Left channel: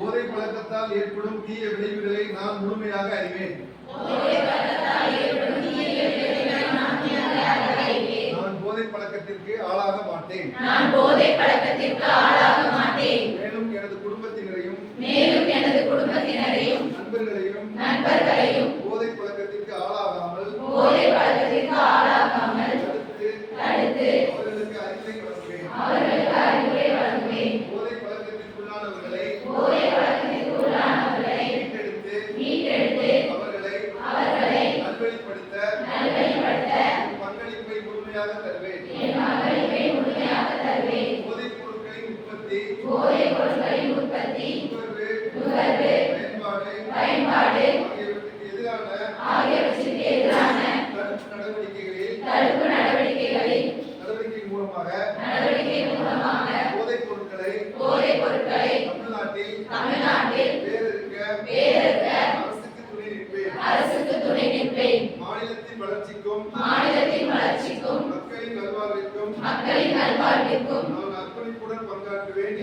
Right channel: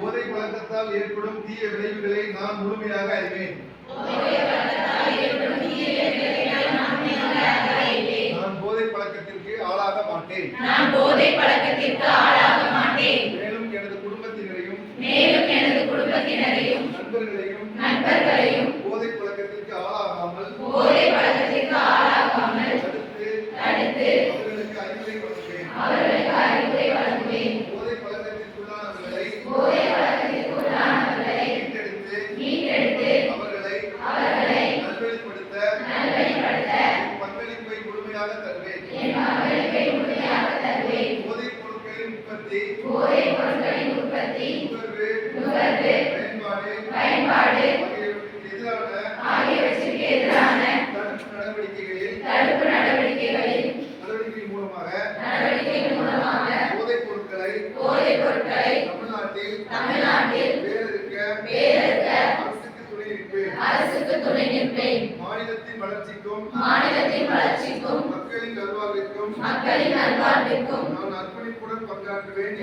போதை பழக்கத்தால் ஏற்படும் தீய விளைவுகளை நான் முழுமையாக அறிவேன். நான் போதை பழக்கத்திற்கு ஆளாக மாட்டேன். மேலும் எனது குடும்பத்தினரையும் நண்பர்களையும் போதை பழக்கத்திற்கு ஆளாகாமல் தடுத்து அவர்களுக்கு அறிவுரை வழங்குவேன். போதை பழக்கத்திற்குள்ளானவர்களை மீட்டெடுத்து அவர்களை நல்வழிப்படுத்த பங்களிப்பை முழுமையாக தருவேன். போதைப் பொருட்களின் உற்பத்தி, நுகர்வு, பயன்பாடு ஆகியவற்றிற்கு எதிரான தடுப்பு நடவடிக்கைகளின் மூலமாக போதைப் பொருட்களை தமிழ்நாட்டில் வேறறுக்க அரசுக்கு துணை நிற்பேன். மாநிலத்தின் வளர்ச்சிக்கும் மக்களின் நல்வாழ்விற்கும் நான் அர்ப்பணிப்புடன் பங்காற்றுவேன்